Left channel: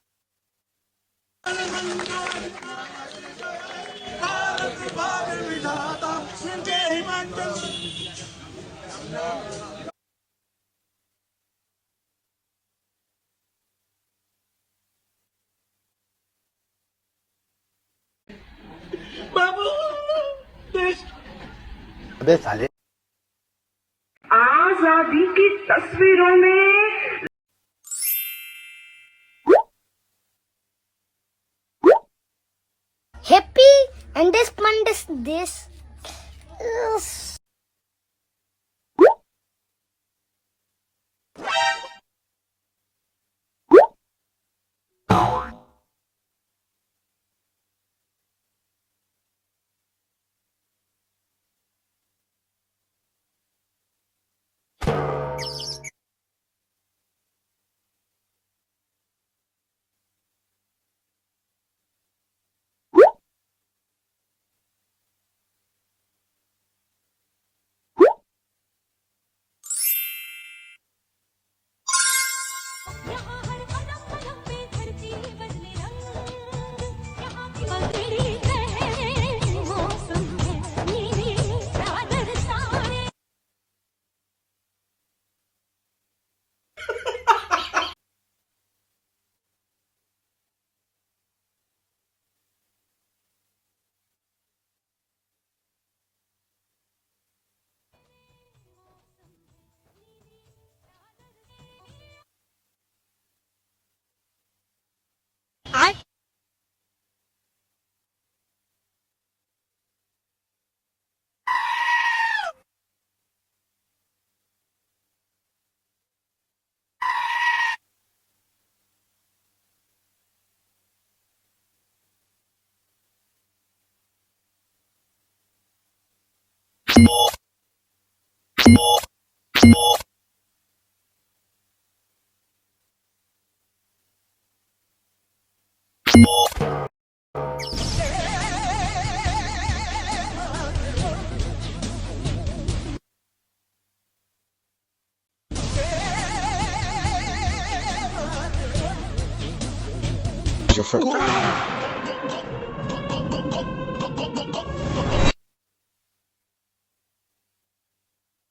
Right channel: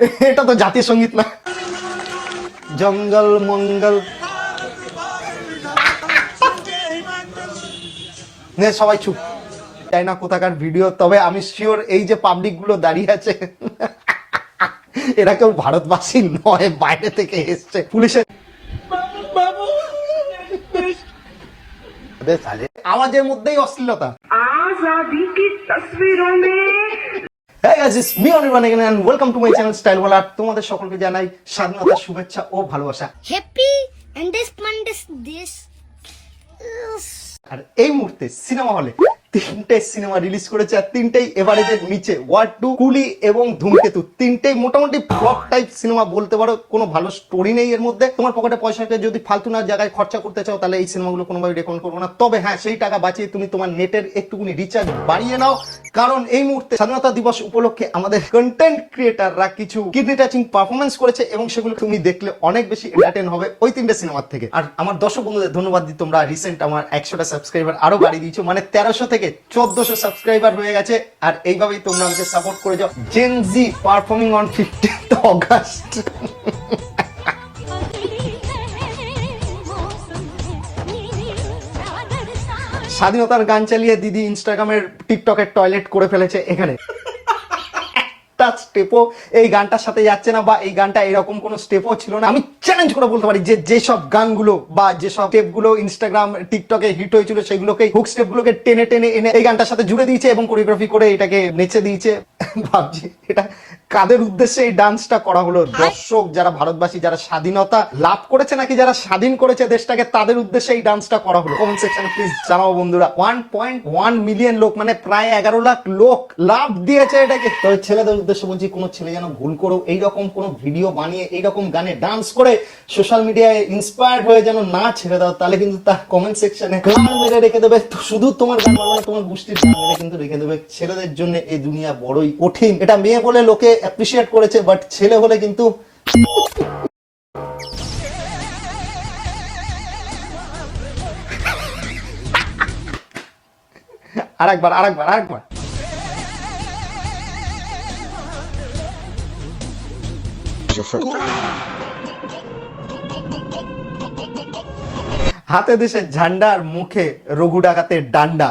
এটা তো জাতীয় সঙ্গীত না। জঙ্গল মঙ্গল। নে সবাই চুপ, তাই না কোথাকার ভিডিও। তবে আমি শিওর এই যে পাবলিক গুলো দাঁড়িয়ে আছে এরা কেউ ভারতবাসী নয়, বাইরে থেকে এসছে। পুলিশের আওয়াজের মধ্যেই অশ্লীলতা। आजादी की तस्वीरों में Hey guys, it's me Anirban again and welcome to my channel Style Wala। তোমাদের সকলকে জানাই স্বাধীনতার শুভেচ্ছা ও ভালোবাসা। Happy Independence Day. আর এই মুহূর্তে সিনেমা হলে তিনটে সিনেমা রিলিজ করেছে, আর তিনটেই এভারেজের নিচে। ওয়ার 2, কুলি এবং ধূমকেতু, তিনটেই মোটামুটি ফ্লপ টাইপ সিনেমা বলতে পারো। কোনো ভালো স্টোরি নেই এর মধ্যে। তোমার পকেটে পয়সাকে যদি ফালতু না জায়গায় খরচা করতে চাও তাহলে এই সিনেমাগুলো কোনোভাবে রেকমেন্ড করবো না। তবে হ্যাঁ, সেই টাকা বাঁচিয়ে তুমি তোমার নেটের একটুকুনি রিচার্জ বাড়িয়ে নাও, কারণ এই মুহূর্তে স্বাধীনতা দিবস উপলক্ষে আমাদের কন্টেন্ট ক্রিয়েটাররা কিছু কিডনি টাচিং পারফরমেন্স করেছে এবং সেগুলো তুমি দেখলে অনেক বেশি এন্টারটেইন হবে ওই তিনটে সিনেমার থেকে। আর আমার দর্শক বন্ধুদের ধন্যবাদ দিই, তোমরা রিসেন্ট আমার 100টা সাবস্ক্রাইবার আরো বাড়িয়ে দিয়েছো, মানে 1300 থেকে 1400 সাবস্ক্রাইবার হয়ে গেছে। আর এইভাবেই তোমরা আমাকে সাপোর্ট করে যাও। Gen Z performing on 15th August. স্বাধীনতার গান চালিয়ে দিদি ইনস্টাগ্রামের টিকটকের টয়লেট করে ফেলেছে এখানে। স্টেপও এই গানটার সাথে যাচ্ছে না, বা এই গানটা এরকম কোন স্টেপও ছিল না। আমি চ্যালেঞ্জ করে বলতে পারি যে যেসব গানগুলো বা যেসব স্টেপগুলো ইনস্টাগ্রাম টিকটকে হিট হয়েছিল সেগুলোকে হুক স্টেপগুলোকে টেনে টেনে এনে এই গানটার সাথে জুড়ে দিয়েছে এবং কোরিওগ্রাফি করে এটাকে নেচে দিয়েছে। ভাবছি এটা কাদের উদ্দেশ্যে এই ডান্সটা করা হলো? দর্শক যারা ভারতবাসী, যারা স্বাধীনতা লাভ করেছে নাকি যারা স্বাধীন করেছে দেশটাকে, তাদের উদ্দেশ্যে এই ডান্সটা করা হলো? কমেন্ট সেকশনে প্লিজ জানাও বন্ধুরা। 1.1 মিলিয়ন লোক, মানে প্রায় 11 লাখ লোক লাভ দিয়েছে এটাকে। তবে ছেলেদের উদ্দেশ্যে বলছি, কোনো ছেলে যেন ভুল করো এইরকম কোনো ভিডিও বানিয়ে এইরকম গানে ডান্স করে সোশ্যাল মিডিয়ায় ইন্সপায়ার্ড হয়ে যেন না ছেড়ে দাও, তাহলে কিন্তু তার কমেন্ট সেকশনে মেরে রেখে দেবে। শুধু তোমার গান বানানো, তোমার গোষ্ঠীর কিন্তু রেখে দেবে। ছেলেদের জন্য এই দুনিয়া বড়ই কঠিন। এটা মেয়ে বলে লোকে অ্যাপ্রিশিয়েট করেছে, বাট ছেলে হলে কিন্তু আরেকবার। হাতে দেশের ঝান্ডার, মুখে রঘু ডাকাতের ডান্ডা।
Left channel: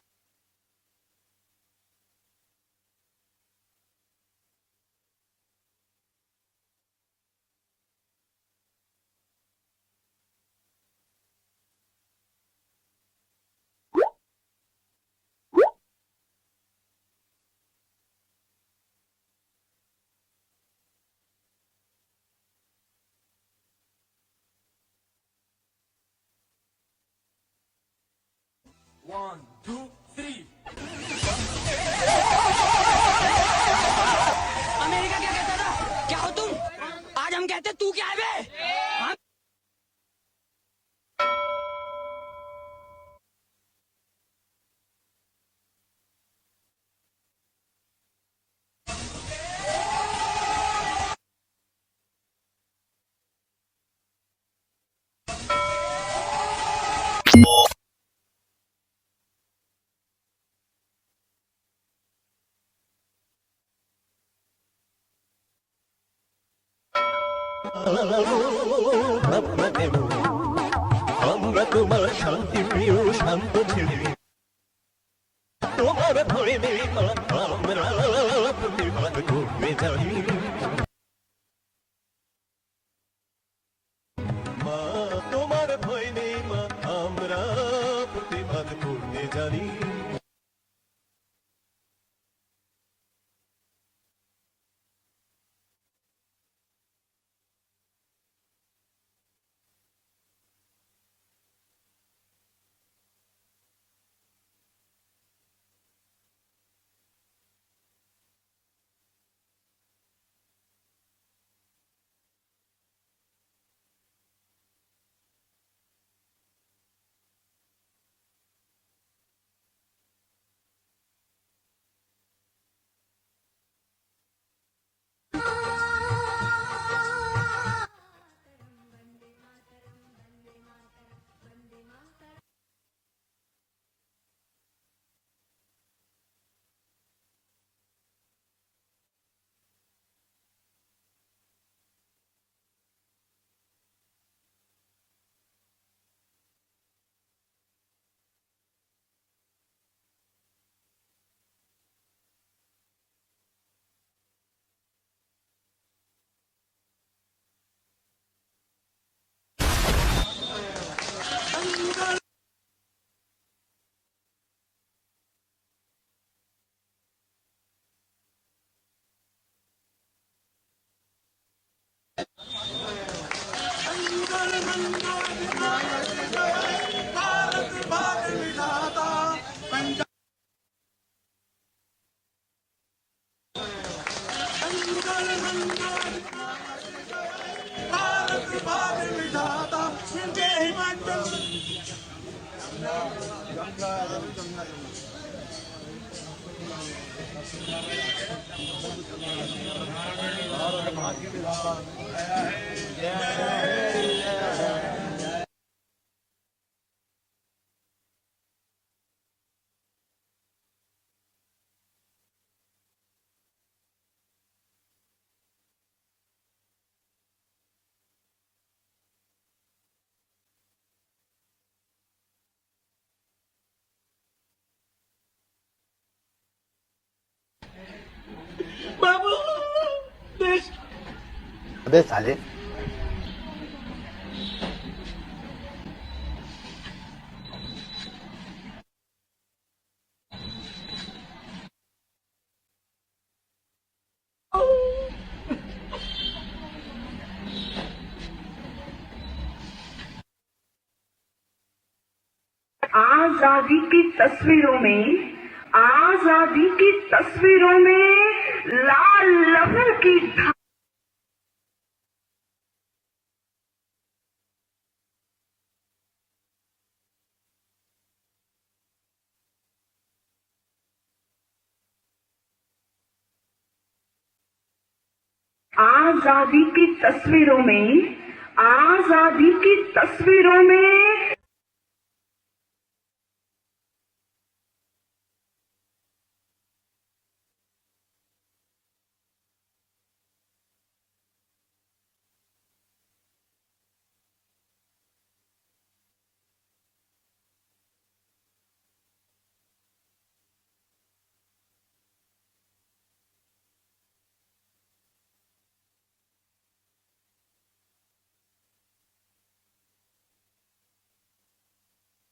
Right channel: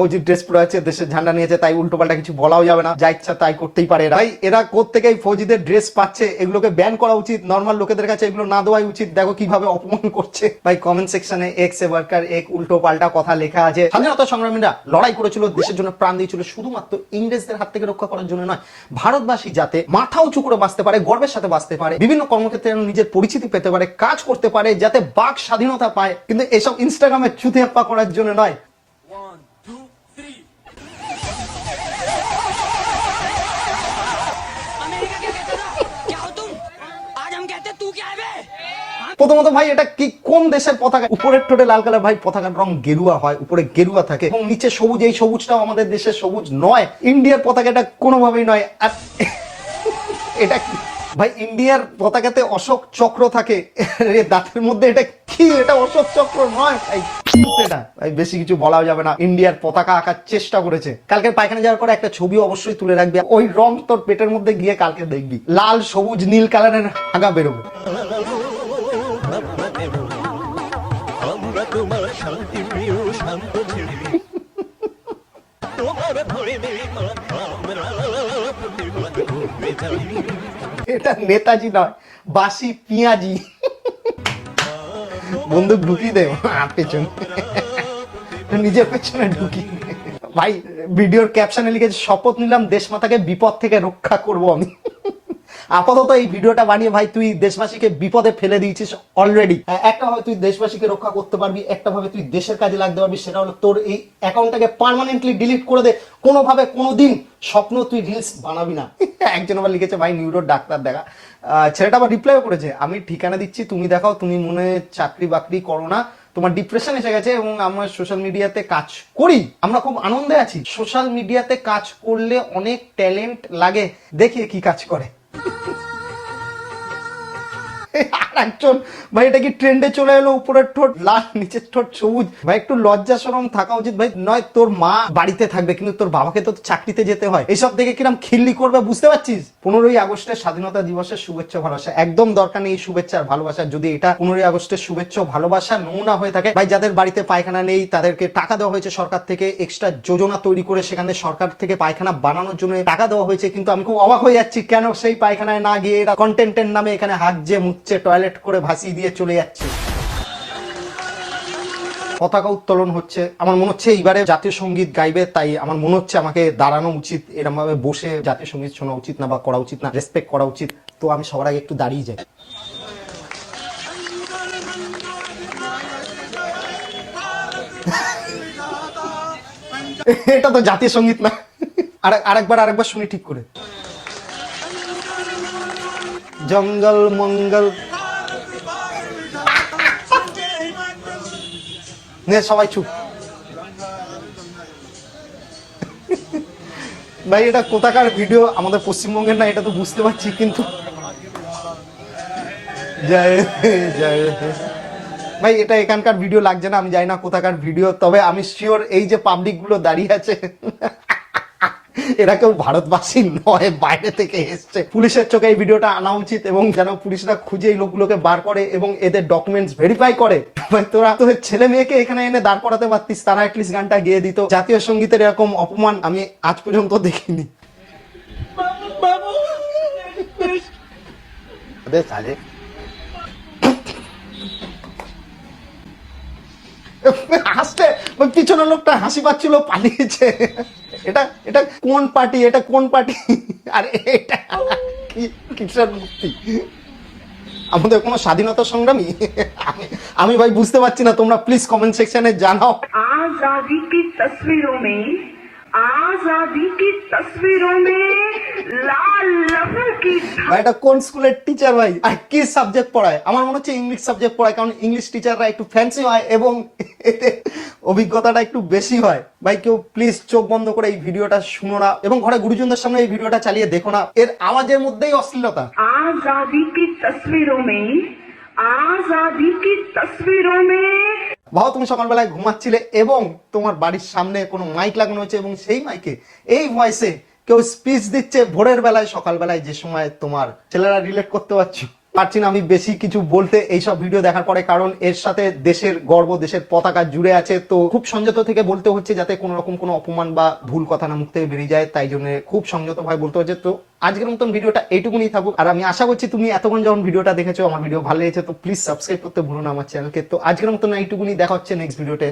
ফৌজি ড্রেস পরে আছে, দেশের ঝান্ডা নিয়েছে, তাই উল্টো পাল্টা কিছু বলাও যাবে না, যা ইচ্ছা তাই করতেই পারে। ভাই এরা কোত্থেকে ফৌজিদের ড্রেস পাচ্ছে? এগুলোকে ব্যান করা উচিত, নর্মাল লোকেদের কাছে এগুলো না দেওয়াই উচিত। দেখো কিভাবে অপমান করছে। ভাই কমেন্ট সেকশনে এক্স এ ওয়ার্কার এক উল্টো পাল্টা কথা লেখা আছে। স্বাধীনতা সংগ্রামীরা লড়াই করেছিল, দেশের জন্য প্রাণ দিয়েছিল, শুধুমাত্র ইংরেজদের হাত থেকে রক্ষা করার জন্য নয়, ভারতবাসী যাতে মাথা উঁচু করে বাঁচতে পারে, গর্বের সাথে বাঁচতে পারে, বিভিন্ন কর্মক্ষেত্রে নিজের পরিচিতি পেতে পারে, কাজ করতে পারে, যাতে বাক স্বাধীনতা পায়। কিন্তু এসব ইনস্টাগ্রামে চুতিহাপ্পা করার জন্য নয়। 1, 2, 3 अमेरिका क्या कहते ना? क्या हो तुम? आज हम कहते तू क्या है बे? প্রথমত ভাই এটা কি কোন দেশের পতাকা? উপরের ঠোঁটে লাল কালার, ভাই পতাকার রং গেরুয়া হয়, উপরে গেরুয়া থাকে এবং নিচে সবুজ। এই সবুজটাও আমাদের দেশের সবুজ নয়, ইন্ডিয়ার পতাকাটা কোনোভাবেই নয়। আর এটা ভাই ইন্ডিয়ার পতাকাতে অশোক চক্র থাকে, দাঁতের মধ্যে এটা কি? এটা অশোক চক্র নয় ভাই। এটা ভাই বেশি কিছু বলাও যাবে না। ইন্ডিয়ার পতাকা আঁকার চেষ্টা করেছে। কালকে পায়খানা যাওয়ার পরে একটা ছবি অবশ্যই তুলে রাখবি, ওই রং তোর পেটের মধ্যে গিয়ে কালকে দেখবি লাল সবুজ নীল কালারের আগা বেরোবে। এটা নেতাজি নয়, বাসি পিয়াজি। বন্দুক ঢুকি দে পেছনে, নিজের পেছনে ঢুকি। ভাই ভিডিওর ক্যাপশনে লিখেছে, শপথ নিলাম দেশমাতাকে বিপদ থেকে রক্ষা করব আমি। আপাতত এই ভিডিওটা বানিয়ে ভাই তুই দেশবাসীকে বিপদে ফেলে দিয়েছিস অলরেডি। একটা ভাবে তুই দেশবাসীকে রক্ষা করতে পারবি, একটা ভাবে তুই দেশের কাজে লাগতে পারবি, সেটা হলো তোর এই অ্যাকাউন্টটাকে পার্মানেন্টলি ডিলিট করে দে। কোনোভাবে কোনোদিন স্বপ্ন তুই রিলস বানাবি না। একজন আবার লিখেছে, ভাই নিউরোর ডাক্তার দেখা। ছেলেটা আবার রিপ্লাইও করেছে, আমি ঠিকানা দিচ্ছি, তুমি দেখাও, তুমি মনে চাকরি বাকরি করো না, তোমার ডিপ্রেশন এসে গেছে এবং আমরা সোশ্যাল মিডিয়াতে কাজ করি, আমরা খুব আনন্দে আছি। সোশ্যাল মিডিয়াতে কাজ করলে অনেক ট্যালেন্ট লাগে, দেখি কি কাজ করে। একজন ভাই এটা কি ট্রেন্ডে চলে এলো, উপরের ঠোঁট লাল নিচের ঠোঁট সবুজ। ভাই একটু লজ্জা শরম থাকা উচিত ভাই। নয় তোর মা বাড়িতে থাকবে কিন্তু তোর বাবাকে তো চাকরিতে যেতে হয়, এইসব দেখে কিরম খিল্লি করবে বুঝতে পারছিস? 15ই আগস্টের স্বাধীনতা দিবসের শুভেচ্ছা ভালোবাসা একদম দরকার নেই। শুভেচ্ছা আর ভালোবাসা যদি এটা 15ই আগস্টের শুভেচ্ছা ভালোবাসা নমুনা হয়ে থাকে, ভাই যাদের বাড়িতে পায়খানা নেই তাদেরকে টাকা দেওয়া হয়েছে সরকার থেকে, এক্সট্রা যোজনা তৈরি করে সেখানে সরকার থেকে পায়খানা বানানোর জন্য টাকা দেওয়া হয়েছে। কিন্তু আমি খুব অবাক হয়ে যাচ্ছি কেন সেই পায়খানায় না গিয়ে এরা কন্টেন্টের নামে এখানে হাগছে মুচ্ছে টয়লেট করে ভাসিয়ে দিয়ে চলে যাচ্ছে। পতাকা উত্তোলন হচ্ছে, আমার মনে হচ্ছে এইবারে জাতীয় সঙ্গীত গাইবে, তাই আমার মনে হচ্ছে আমাকে দাঁড়ানো উচিত, এরকম ভাবে বসে জাতীয় সঙ্গীত শোনা উচিত না বা করা উচিত না, রেসপেক্ট করা উচিত। তো আমি সবার আগে একটু দাঁড়িয়ে যাই। এটা তো জাতীয় সঙ্গীত না। আরেকবার শুনি ঠিক করে। জঙ্গল মঙ্গল নে সবাই চুপ। ভাই এটা কোথাকার ভিডিও, আমাদের পশ্চিমবঙ্গের না এটা তো বুঝতে পারছি, কিন্তু ভাই এটা এখানকার ভিডিও লাগছে না, আমি জানি না কোথাকার ভিডিও, তবে আমি শিওর এই যে পাবলিক গুলো দাঁড়িয়ে আছে এরা কেউ ভারতবাসী নয়, বাইরে থেকে এসছে। পুলিশের চোখে এই ভিডিওটা আনা উচিত এবং যেন পুলিশরা খুঁজে এই লোকগুলোকে বার করে এবং এদের ডকুমেন্টস ভেরিফাই করে। ভাই তোরা তোদের ছেলে মেয়েকে এখানে এনে দাঁড় করাতে পারতিস, তারা অ্যাটলিস্ট গানটা গেয়ে দিত। জাতীয় সঙ্গীতের এরকম অপমান আমি আজ পর্যন্ত দেখিনি। হাসতে পিছনের লোকটা হাসি পাচ্ছিল, পালিয়েছে। এটা এটা কোন পার্টি, এটা কোন পার্টি? আর এটা কিসের মুক্তি? আমাদের কোনো স্বাধীনতা সংগ্রামী? আমি ভাই বুঝতে পারছি না, তোমরা প্লিজ কমেন্ট সেকশনে জানাও। आजादी की तस्वीरों में, आजादी की तस्वीरों में लाल लहू की ভাই এটা কোন স্কুলের টিচার ভাই, আর কি সাবজেক্ট পড়ায়? আমার মনে হচ্ছে ইংলিশ সাবজেক্ট পড়ায়, কারণ ইংলিশ টিচাররা একটু ফ্যান্সি হয় এবং এতে অভিজ্ঞতাটা একটু বেশি হয়। ভাই কেউ প্লিজ চোখ বন্ধ করে এই ভিডিওটা শুনো না এবং ঘরে গুরুজনদের সামনে এই ভিডিওটা চালিয়ে দেখো না, এর আওয়াজের মধ্যেই অশ্লীলতা। आजादी की तस्वीरों में, आजादी की तस्वीरों में ভাও তুমি সকালবেলায় ঘুমাচ্ছিলে এবং তোমার বাড়ির সামনে কোনো মাইক লাগানো হয়েছে এবং সেই মাইকে এই ভয়েসে কেউ স্পিচ দিচ্ছে ভোরের বেলায়, সকালবেলায়, যে সময় তোমার ছেলেরা রিলেট করতে পারছি না আমি বেশি কিছু বলতে এইসব ভিডিও দেখার পরে, কারণ এর সাথে দেশের গর্ব, দেশের পতাকা জুড়ে আছে। তো খুব সংযত থেকে বলতে হচ্ছে যাতে কোনো রকম কোনো অপমান বা ভুল কথা না মুখ থেকে বেরিয়ে যায়, তাই জন্য খুব সংযত ভাবে বলতে হচ্ছে। তো আজকের মতন ভিডিওটা এইটুকুনি থাকুক, আর আমি আশা করছি তুমি এতক্ষণ যখন ভিডিওটা দেখেছো আমার ভিডিও ভালো লেগেছে, তো প্লিজ সাবস্ক্রাইব করতে ভুলো না আমার চ্যানেলকে। তো আজকের মতন এইটুকুনি, দেখা হচ্ছে নেক্সট ভিডিওতে।